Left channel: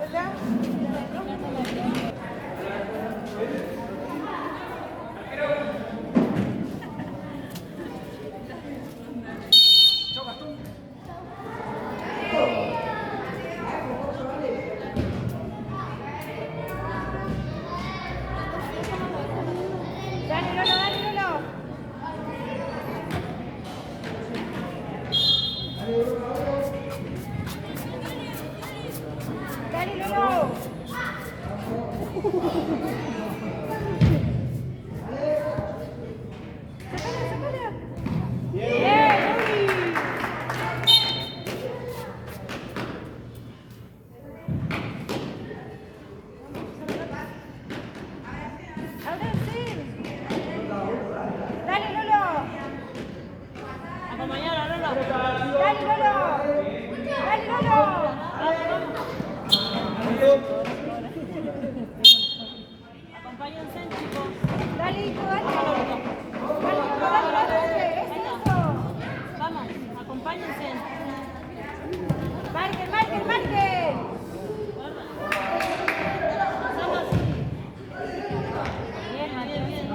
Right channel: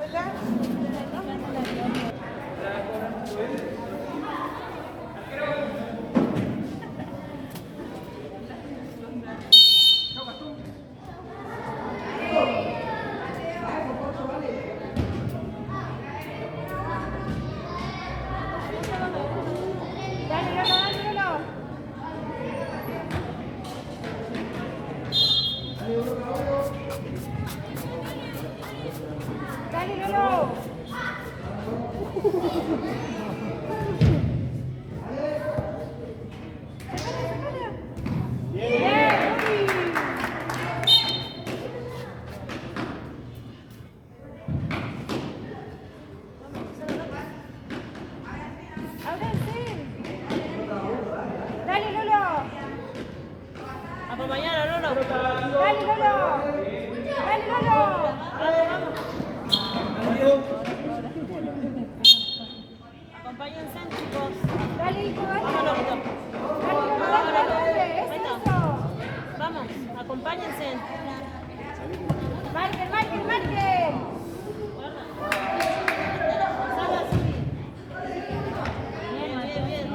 Hola. Dale, Lolo, dale, Lolo. Dale, Lolo. Sacala, sacala. Bien, Luli. Ahora sí. Dale, Lolo. Acompañala, Lolo. Dale, Lolo. Dale, Lolo. Acompáñense, chicos. Dale, hijo, dale. Dale, Lolo, dale, dale. Es eso. Vamos, acompáñense. Marquen, marquen, marquen. Bien, bien, bien.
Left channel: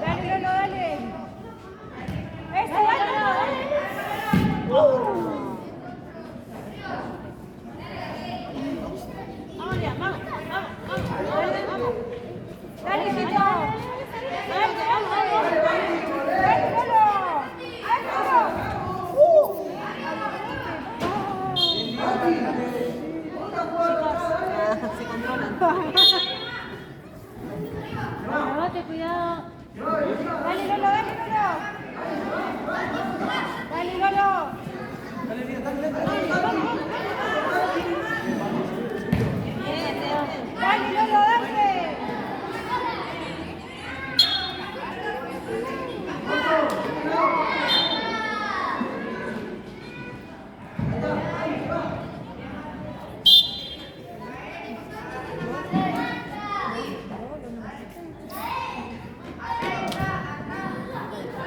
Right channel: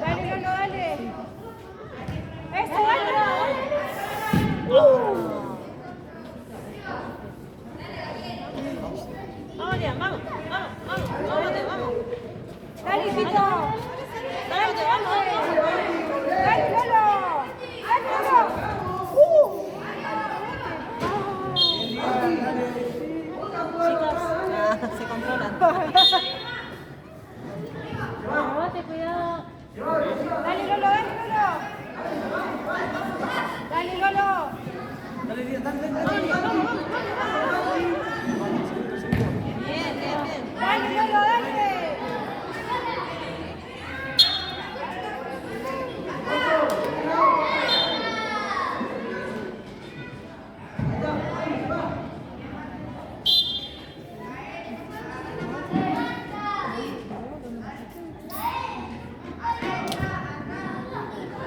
Dale, Lolo, dale. Eso, dale, dale. Vamos, Liam, vamos, vamos, vamos. Dale, Vamos. dale, hijito. Dale, dale. Dale, Lolo. Dale, Lolo. Se controlan. Rebote, cuidado. Dale, Lolo, dale, Lolo. Dale, Lolo. Dale, Lolo, dale. Dale, Lolo, dale.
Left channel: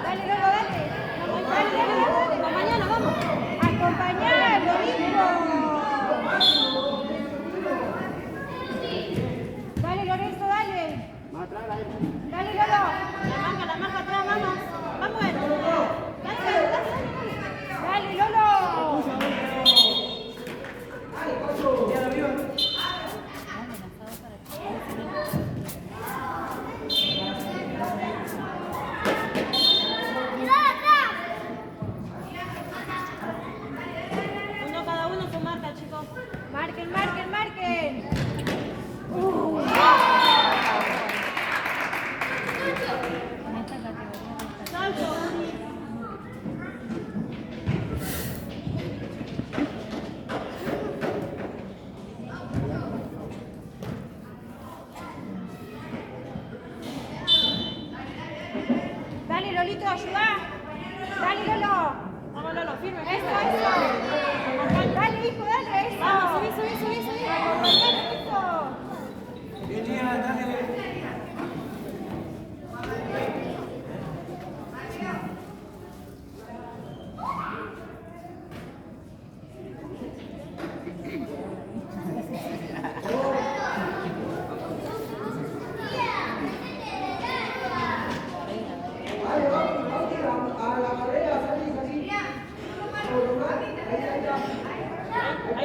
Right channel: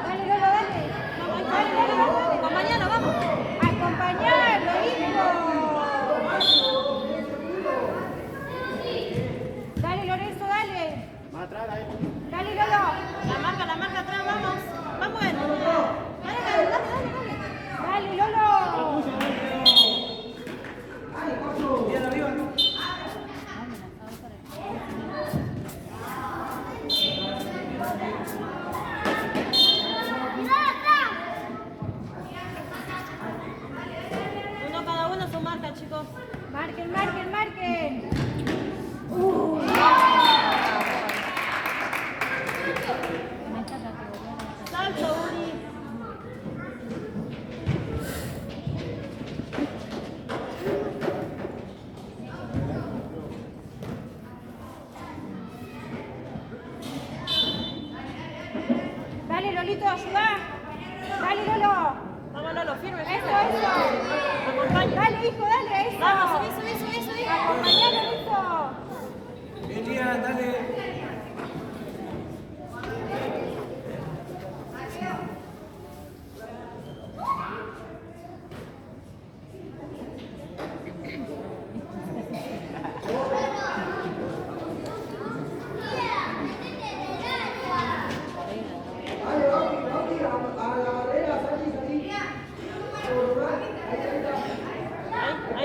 Dale, dale, dale. Acompañala, vamos. Acompañalo, hijo. Dale, Lorenzo, dale. Dale, Lolo. La marca atrás, vamos. Vamos, dale, dale, dale. Dale, Lolo. Uno cada uno su marca, chicos. Marquen, marquen, marquen. Salto. Dale, Lolito, ayuda. Dale, Lolo. Vamos, Lolo, firme. Eso, eso. Dale, hijo, dale, eso. Vamos, subí, subí, subí, subí. Acompañalo, eso. Ahí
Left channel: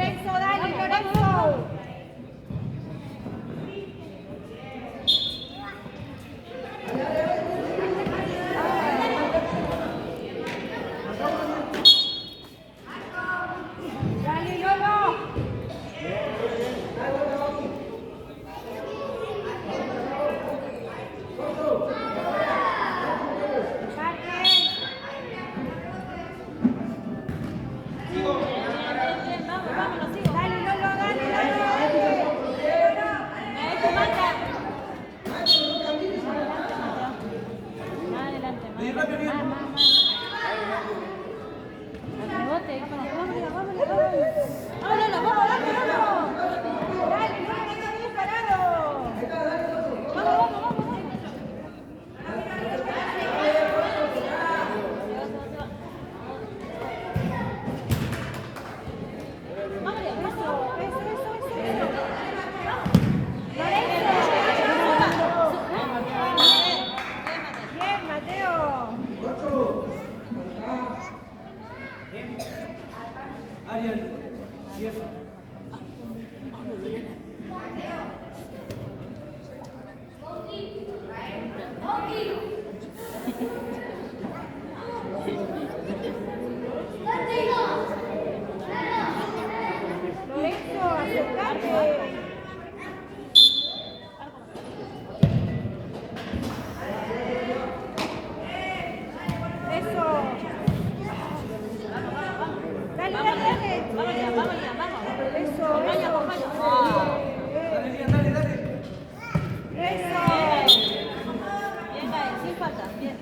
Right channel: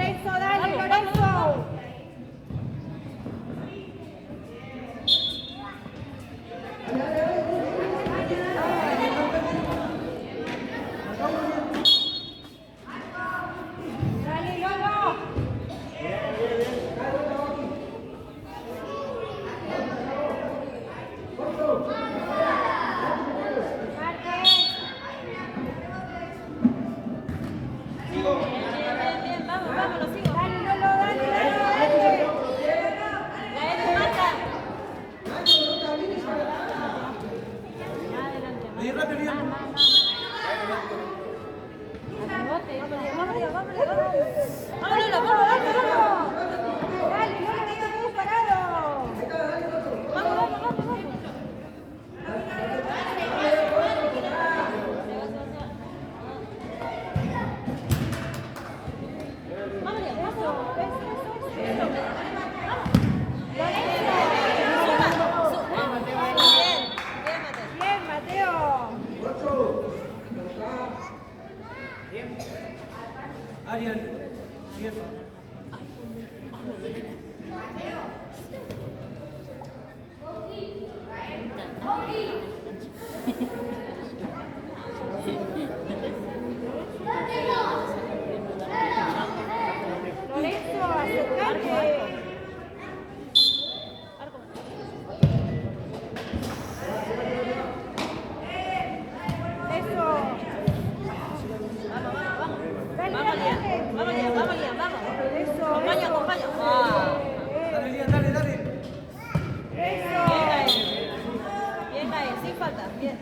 Lorenzo, dale, Lorenzo. Dale, Lolo. Dale, Lolo, dale, dale. Más adelante, más adelante. Más. Al rebote, hija. Dale, Lolo, dale, Lolo, no te quedes parado. Bien, Mateo. Lorenzo, acercate. Eso. Dale, dale, dale. Eso, eso. Eso. Bien, ahí, sin falta. Bien.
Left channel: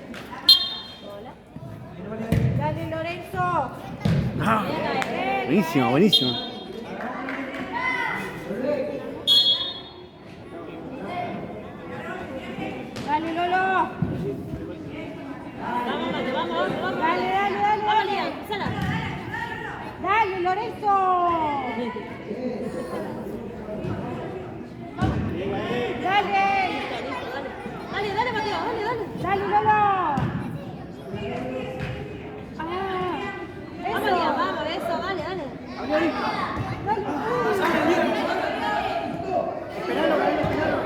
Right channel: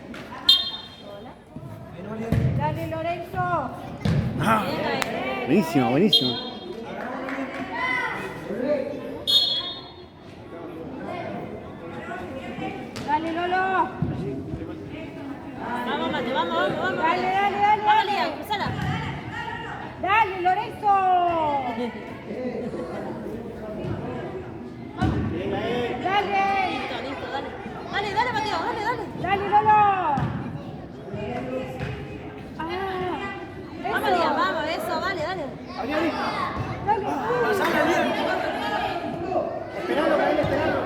Dale, Lorenzo. Ah, buenísimo, buenísimo. Dale, Lolo. Vamos, Mate, vamos. Dale, dale, dale, dale. Susana. Dale, Lorenzo. Dale. Dale, Mateo, dale. Dale, Lolo. Ah, Vamos, eso. vamos, eso, dale. Dale.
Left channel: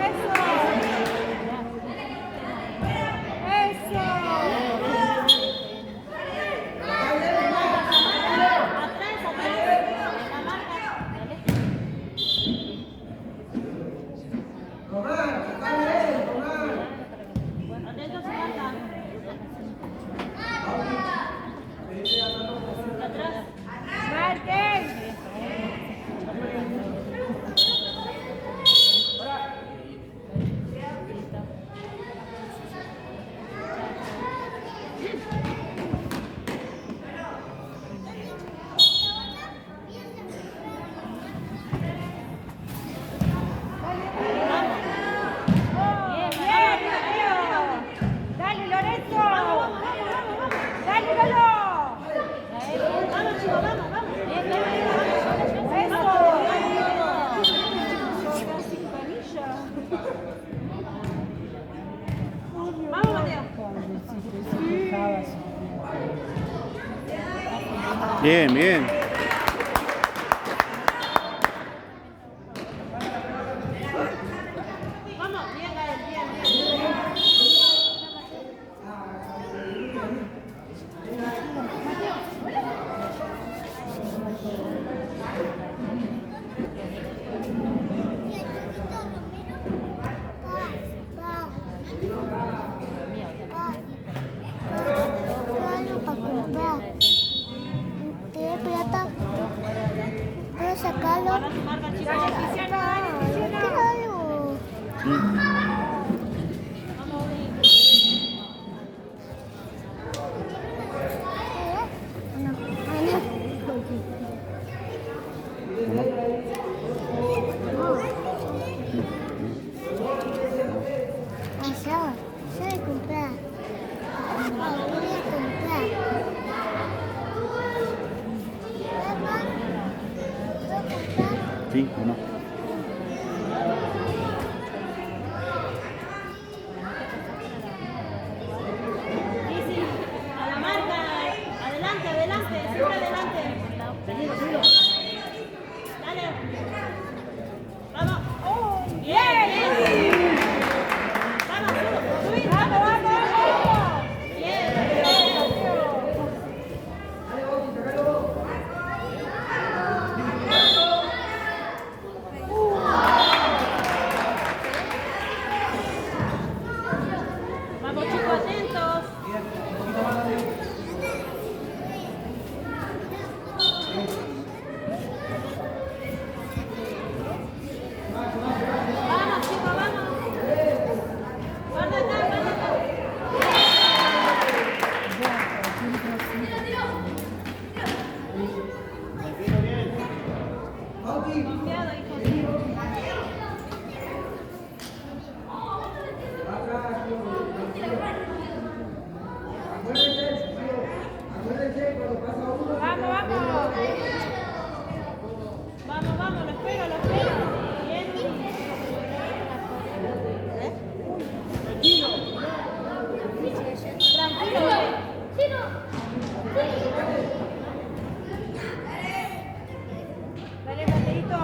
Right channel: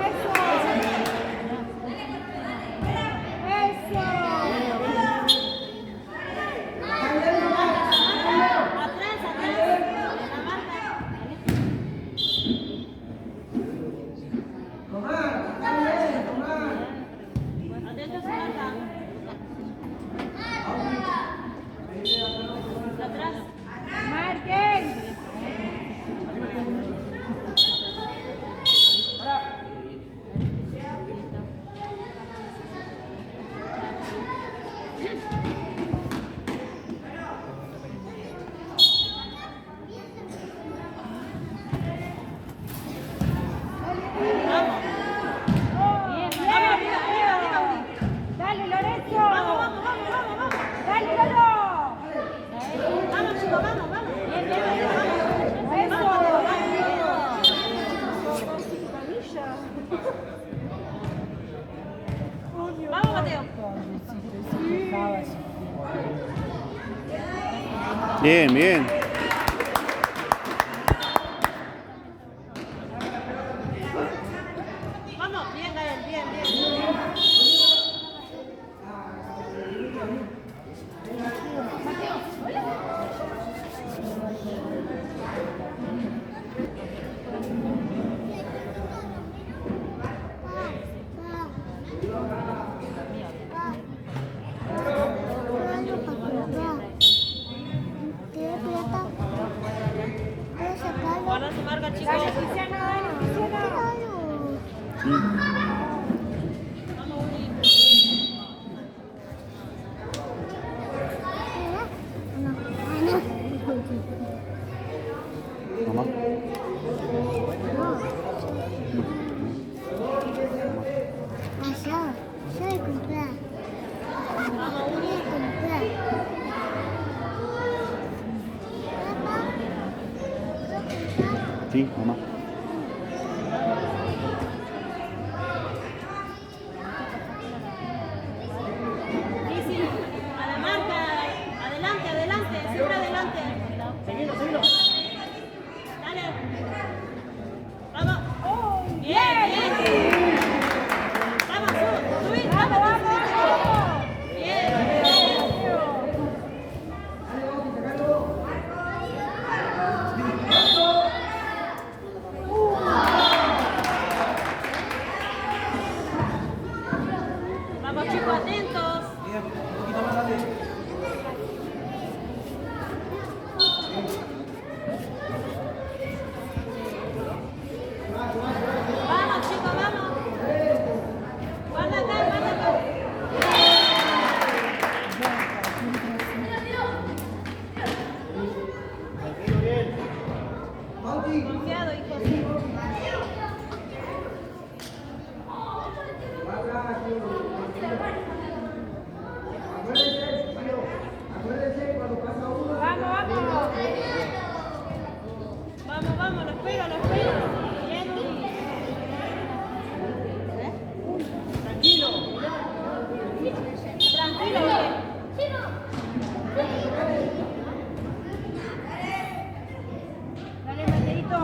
Eso. Eso. Atrás. La marca. Atento, Samantha. Atrás. Martín. Dale, Lorenzo. Dale, Lolo. Vamos, chicos, vamos. Eso. Casi manilla. Vamos, Mateo. Bien, bien. Vamos, bien. Guarda su marca, chicos. Dale, Tiziano, dale, Tiziano. Mamá. Yo voy a comprar. Papá, voy a comprar. Papá, ¿voy a comprar? Sí, mamá. Lizzy, a la marca. Adelante, siempre adelante. Confiado, hijo. Vamos, vamos. Vamos, vamos, los pego, los pego. Bien, tranquilo, Dale, Margarito.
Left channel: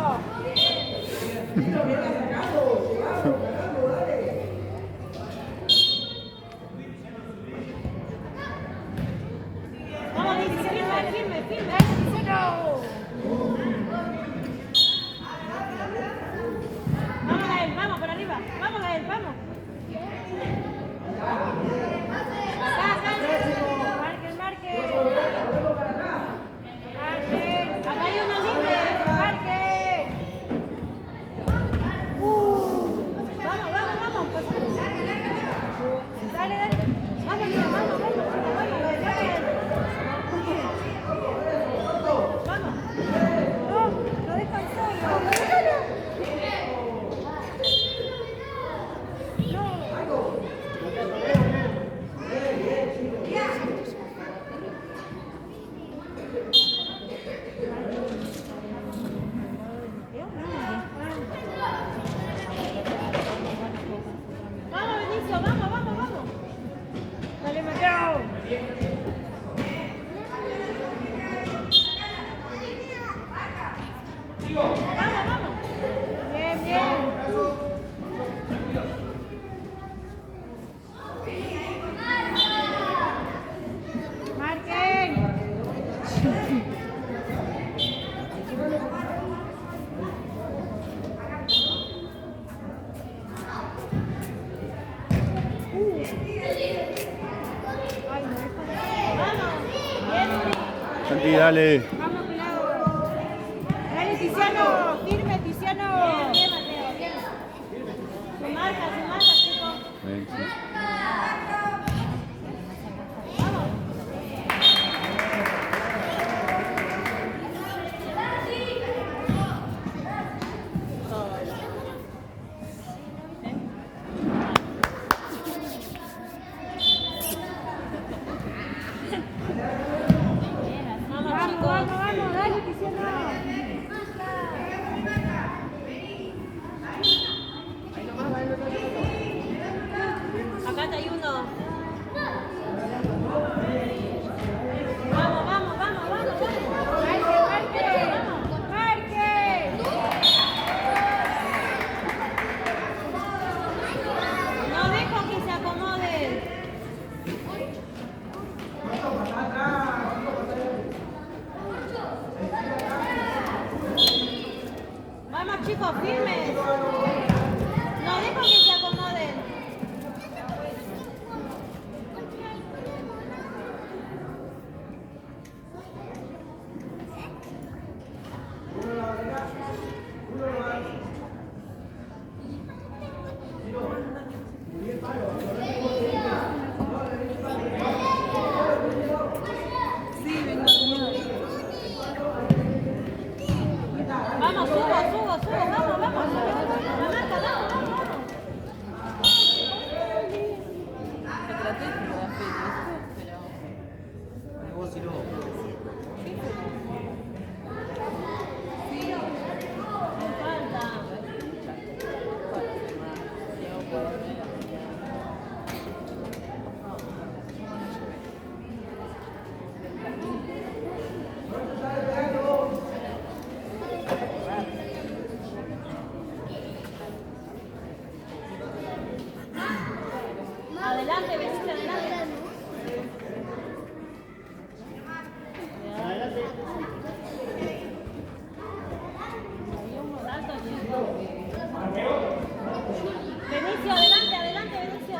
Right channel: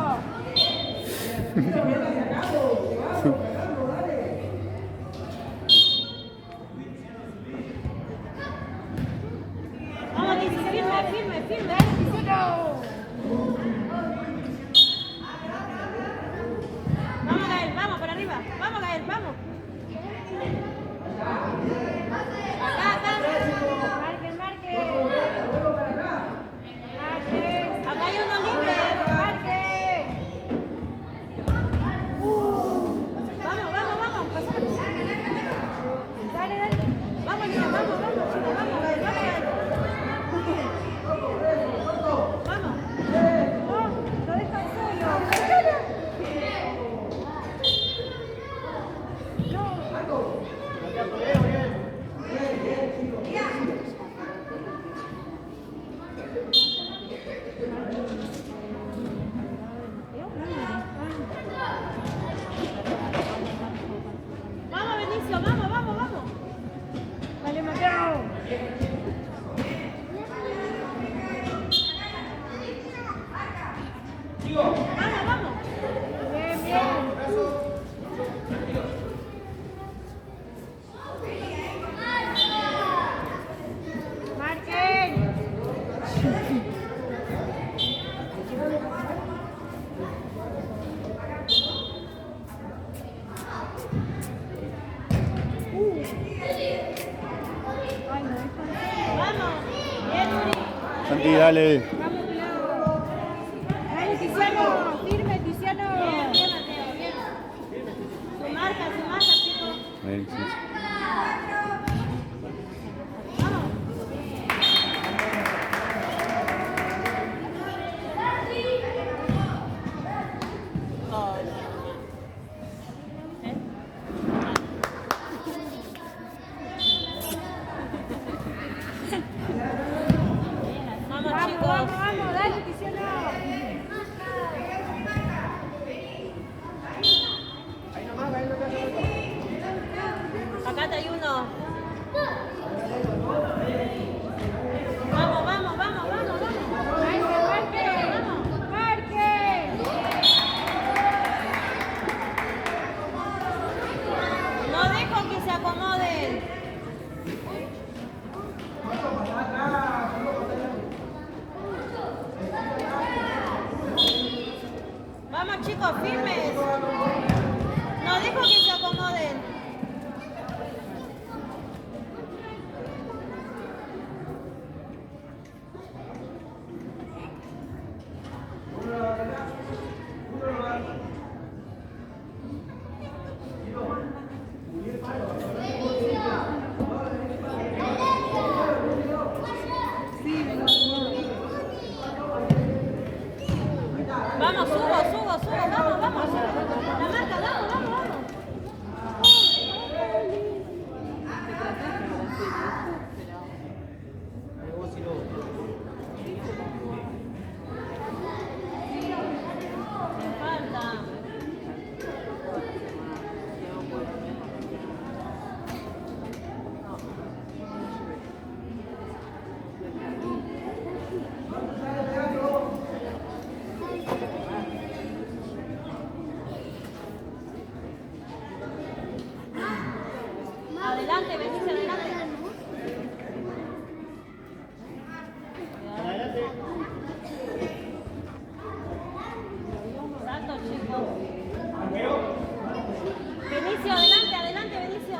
vamos, dice, firme, firme, firme. Dale, Giselo. Vamos a él, vamos para arriba. Vamos a él, vamos. Marque, marque. Marque. Acá hay uno libre. Marque. Vamos, vamos, vamos. Dale, dale. Vamos, vamos, vamos. No, lo dejan solo. Vamos, Benicio, vamos, vamos, vamos. Dale, Mateo. Vamos, vamos. Bien, bien. Marquen. Ay, no, Santi, dale. vamos, cuidado. Dale, Tiziano. Firme, Tiziano. Bien, Mateo, bien. Su marca, chico. Ven, sí. Vamos, vamos, vamos. Dale, Tiziano. Acá hay uno. Vamos, vamos, vamos, vamos, vamos. Marque, marque. Marque. No dejo que se acomoden. Vamos, chicos, firmes. No dejo que se acomoden. Vamos, subo, subo, subo, vamos, vamos. La marca, vamos, vamos, vamos. Adelante, Benicio, adelante. Alto, chico. Benicio, adelante, adelante, Benicio.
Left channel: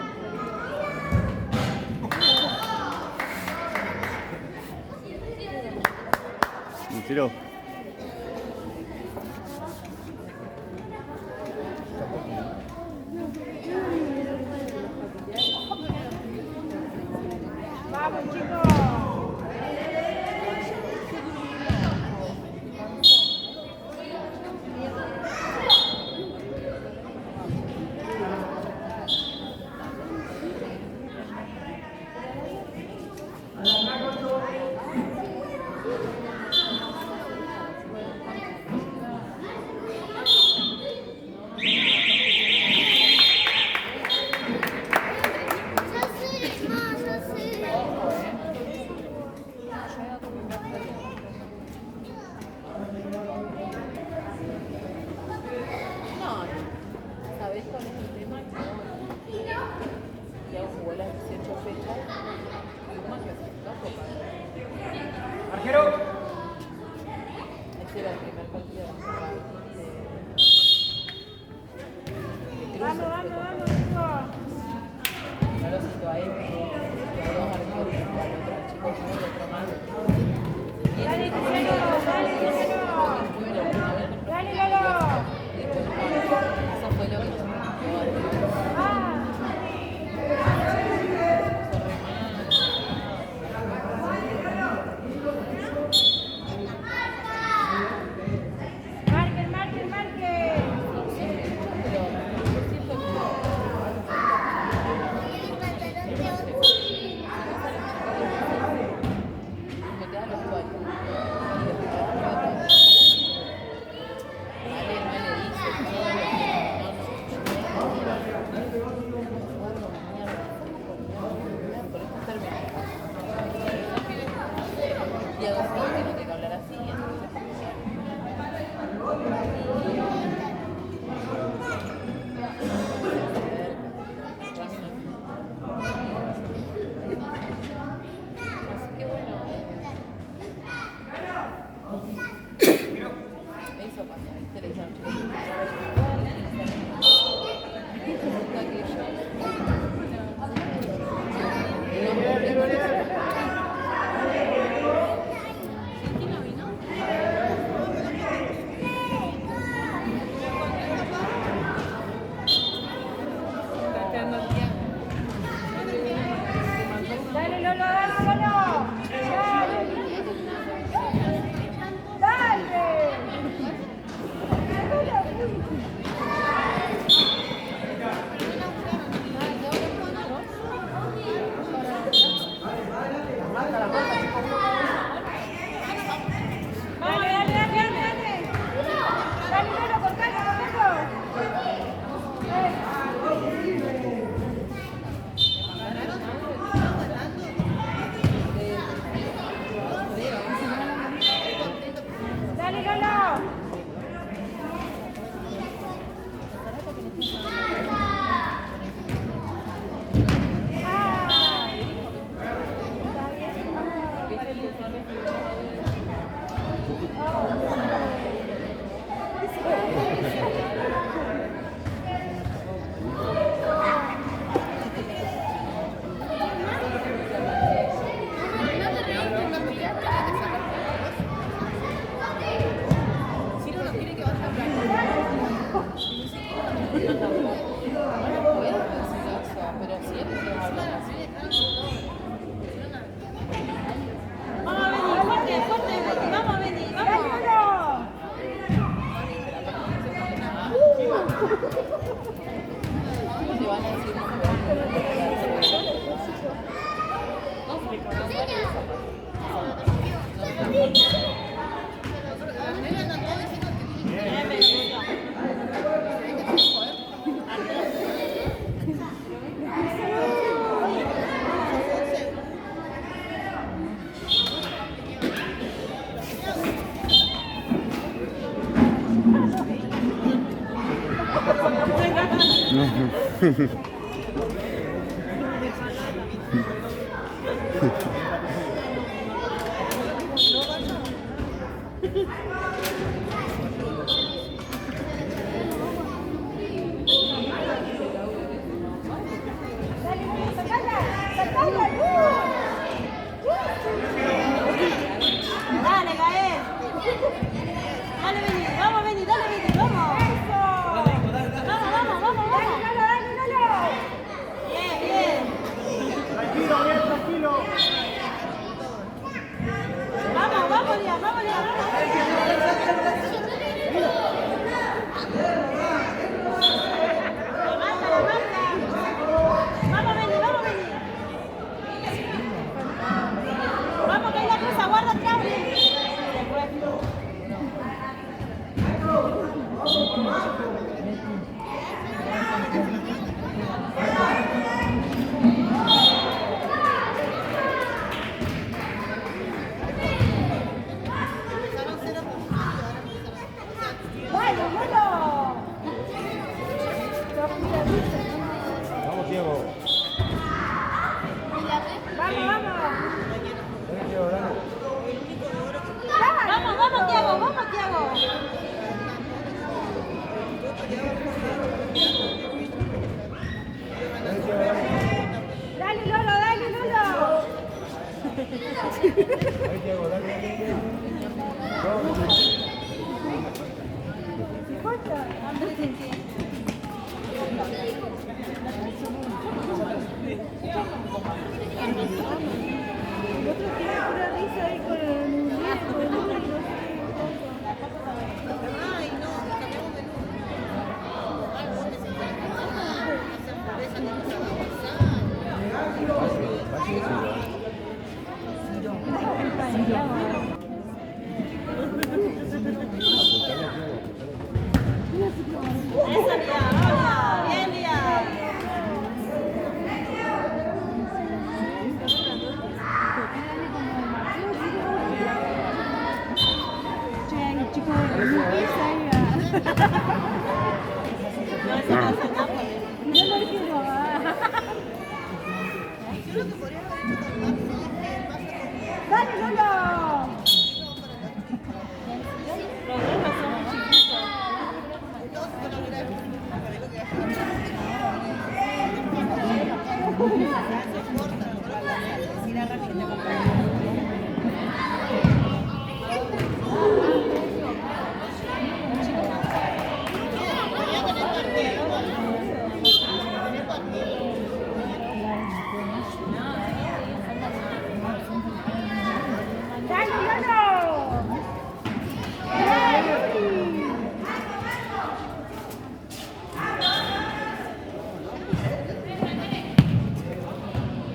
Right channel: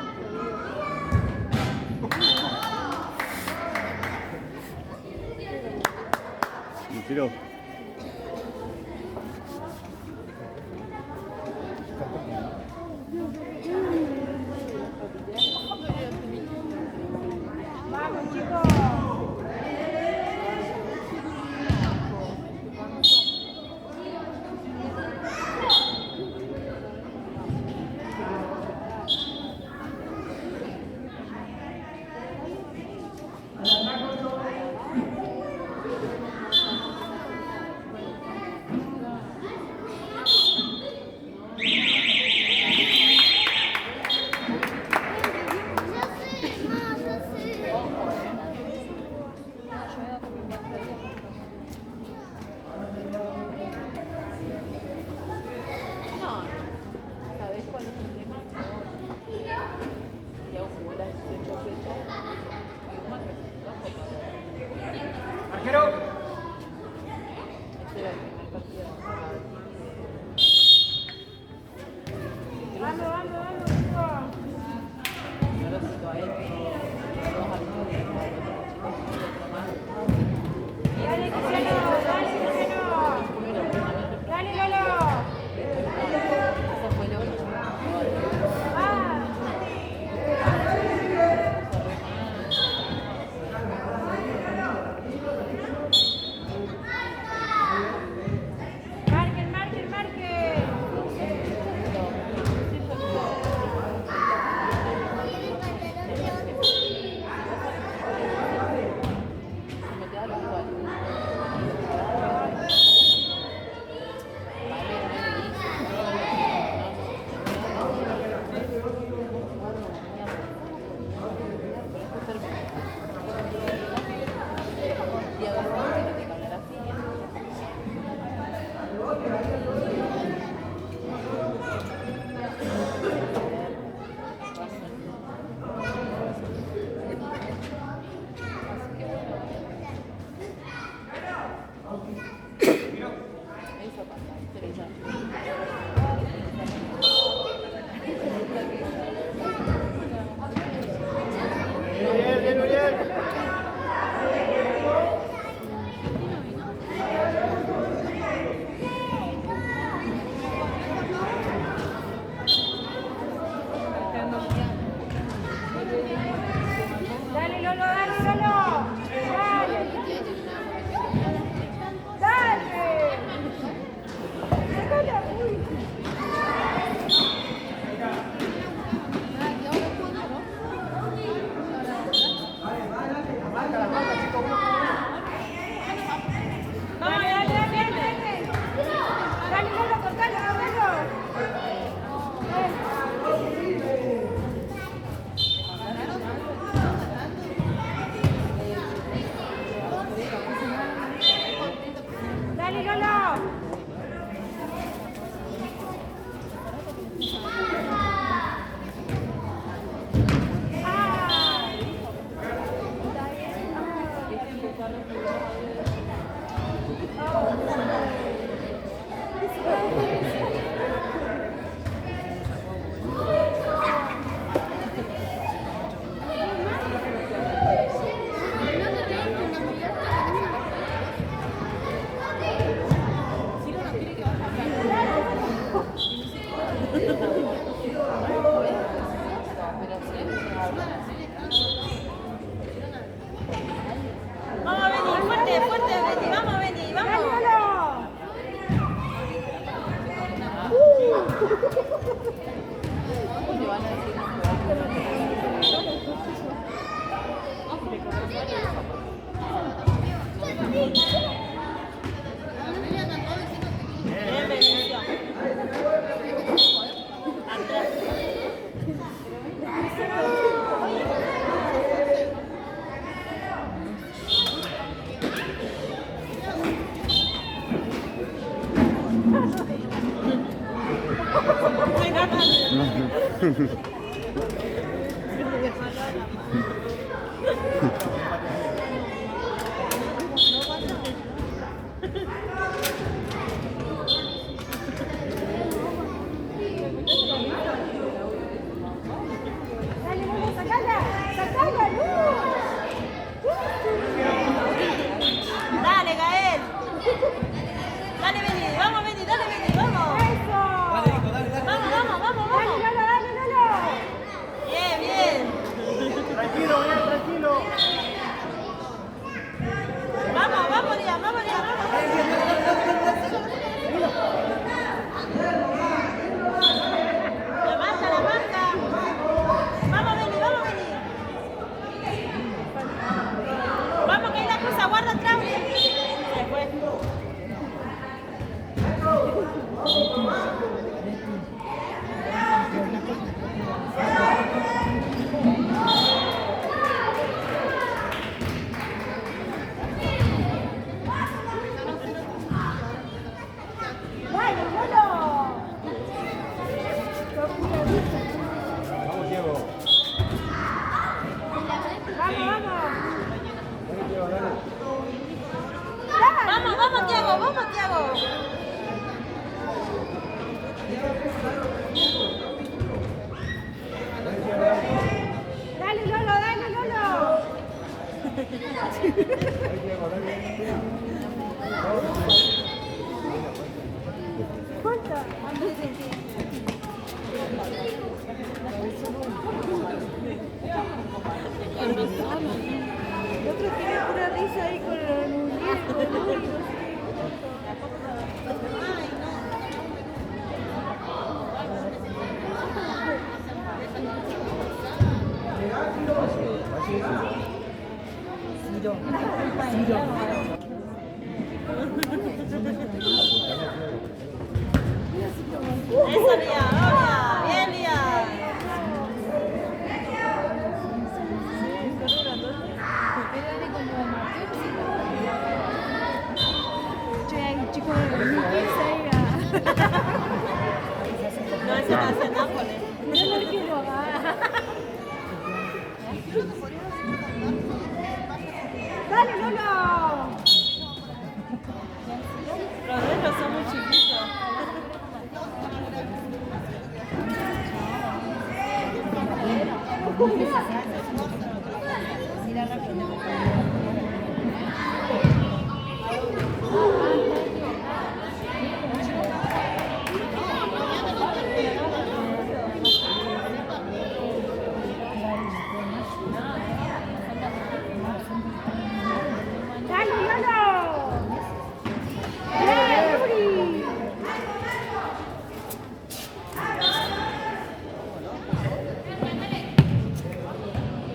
Me tiró. Vamos, chicos. Vamos, vamos, vamos, hijo. Dale, Cristiano, dale, Cristiano. Dale, Lolo. Ah. Marquen, marquen, marquen. Dale, Lolo, dale, Lolo. Dale. Dale. Dale, uy. Dale, dale, dale, dale, dale. Dale, Lolo, cortalo, cortalo. Dale, Lolo. Ah. ¿Está bien? Vamos, Beni, fuerte, fuerte, Beni. Vamos, Beni, vamos. Dale, Lolo, sacala, sacala, Dale, Gael. Dale, Beni, vamos, Beni, dale, Beni, vamos. Eso. Vamos, vamos, vamos, Dale, vamos. Lolo, dale, Lolo. ese no hace nada. ¡Dale, Lolo! Los dedos son muy chiquitos. ¡Dale, Lolo! ¡Bien, Yuri!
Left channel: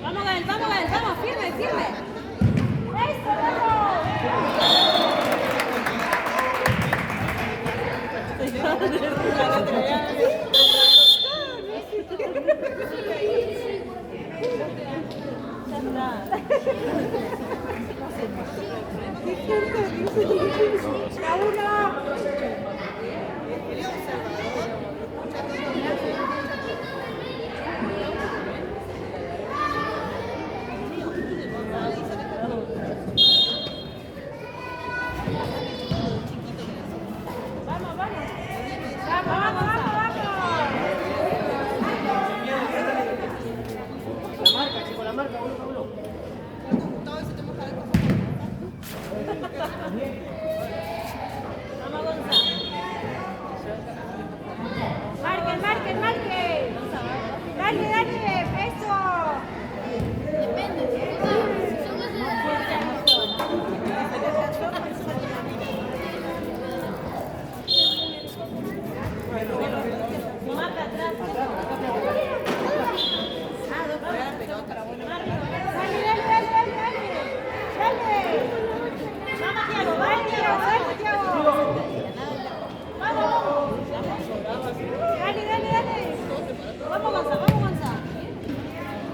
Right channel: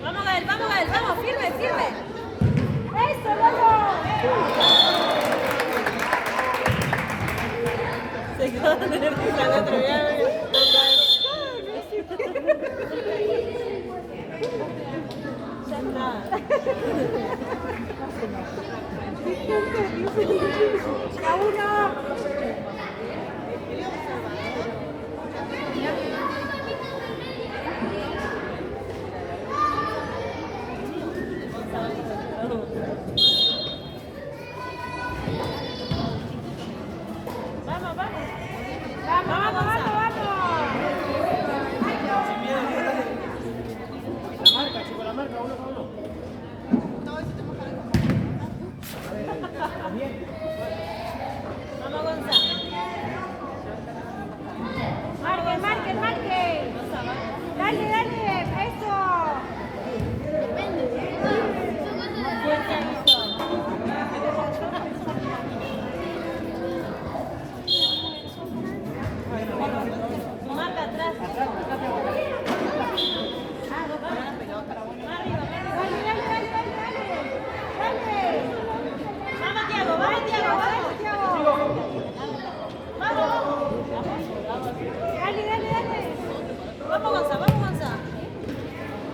Vamos, Gael, vamos, firme, firme. ¡Eso, Lolo! Se quedó en el otro día. ¡A uno! ¡Vamos, vamos, vamos, vamos! ¡Marque, marque, marque! ¡Dale, dale! ¡Eso! Dale, dale, dale, dale, dale. Dale. Vamos, Tiago, Dale, vamos, Tiago, dale, Tiago. Dale, dale, dale. Vamos, Gonza, vamos, Gonza.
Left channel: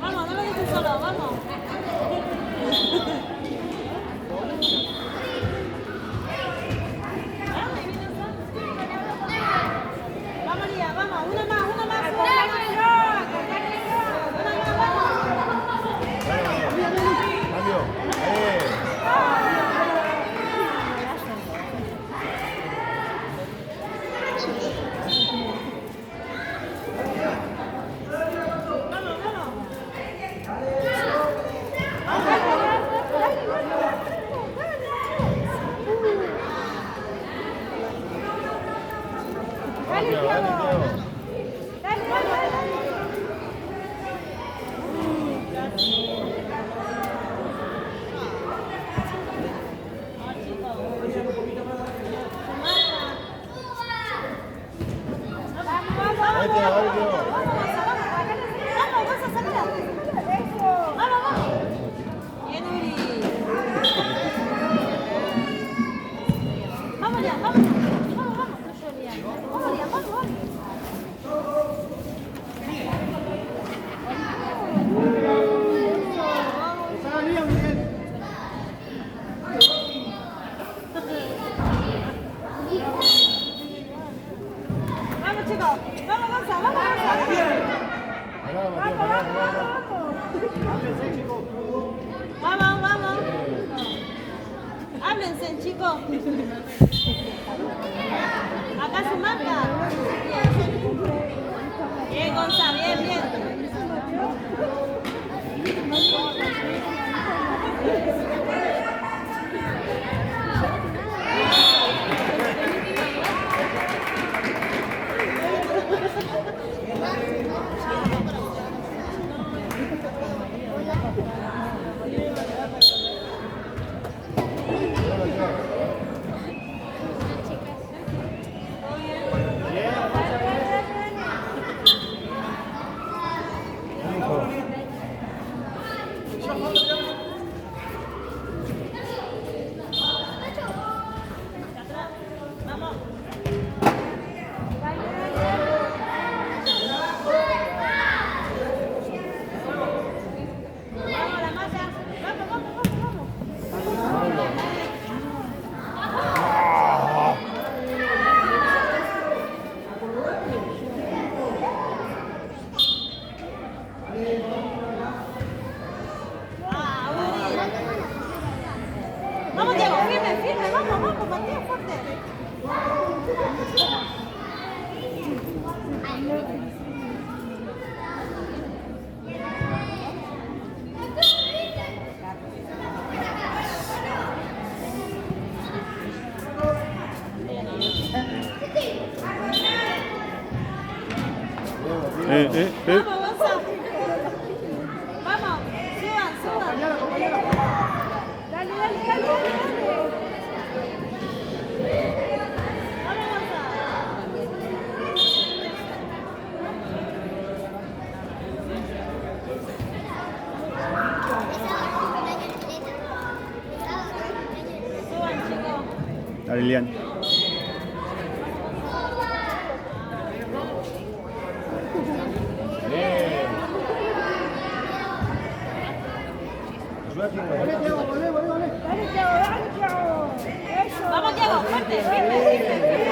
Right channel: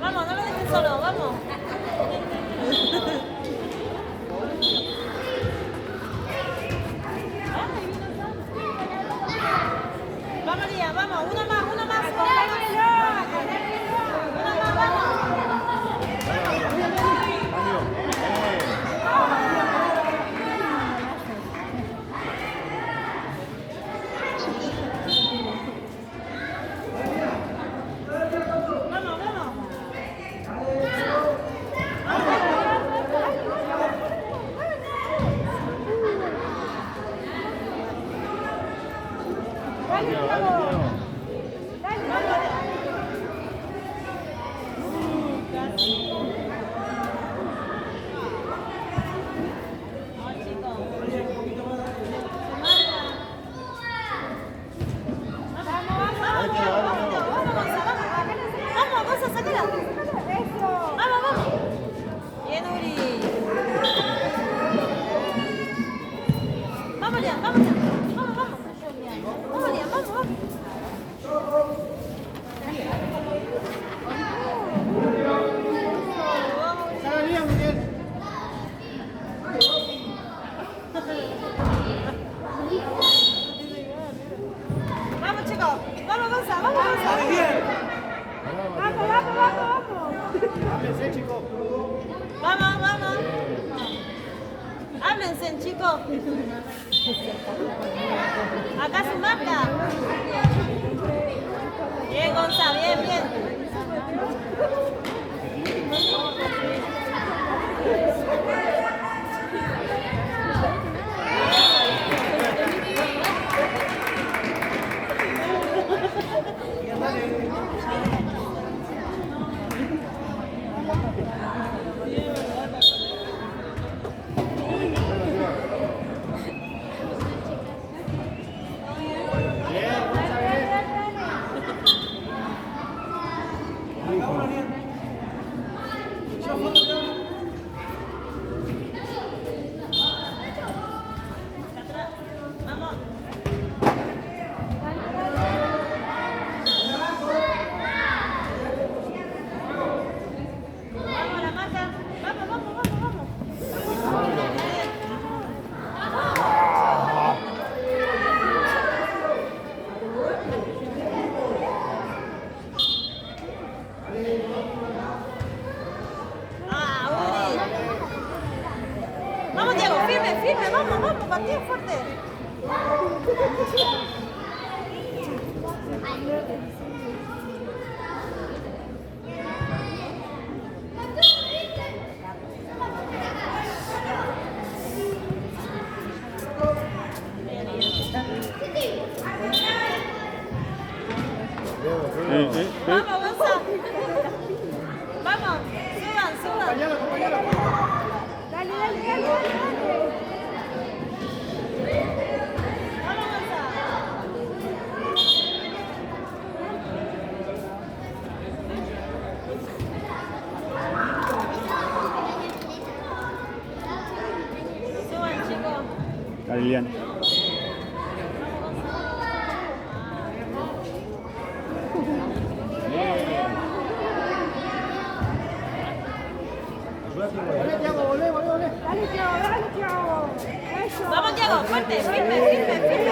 Vamos, no lo dejes solo, vamos. Vamos, María, vamos, una más. Acompáñenlo, acompáñenlo. Una más, vamos. Dale, Tiago. Dale, dale, dale. Vamos, vamos, vamos. Vamos, Gonza, sácala. Eso. Vamos. Bien, Uri. Vamos ya, vamos ya. Vamos. Vamos ya, vamos. Vamos, chicos. Vamos, Gonza, vamos. Vamos, vamos, vamos, vamos. Vamos. Háblense, chicos. Acá se marca. Bien, Gonza, bien. Hijo. fuerte, fuerte. Vamos, Gonzalo. Vamos, suban, suban. Dale, dale, dale, dale, dale. Vamos, Gonzalo. Suban, chicos. Dale, Lilian. Dale, Thiago. Eso. Vamos, Diego, fuerte, firme, firme, firme.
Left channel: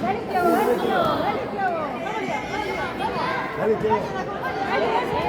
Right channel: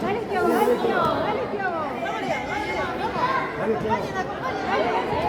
Dale, Thiago, dale, Thiago, dale, Thiago. Dale, Teo. Dale, dale.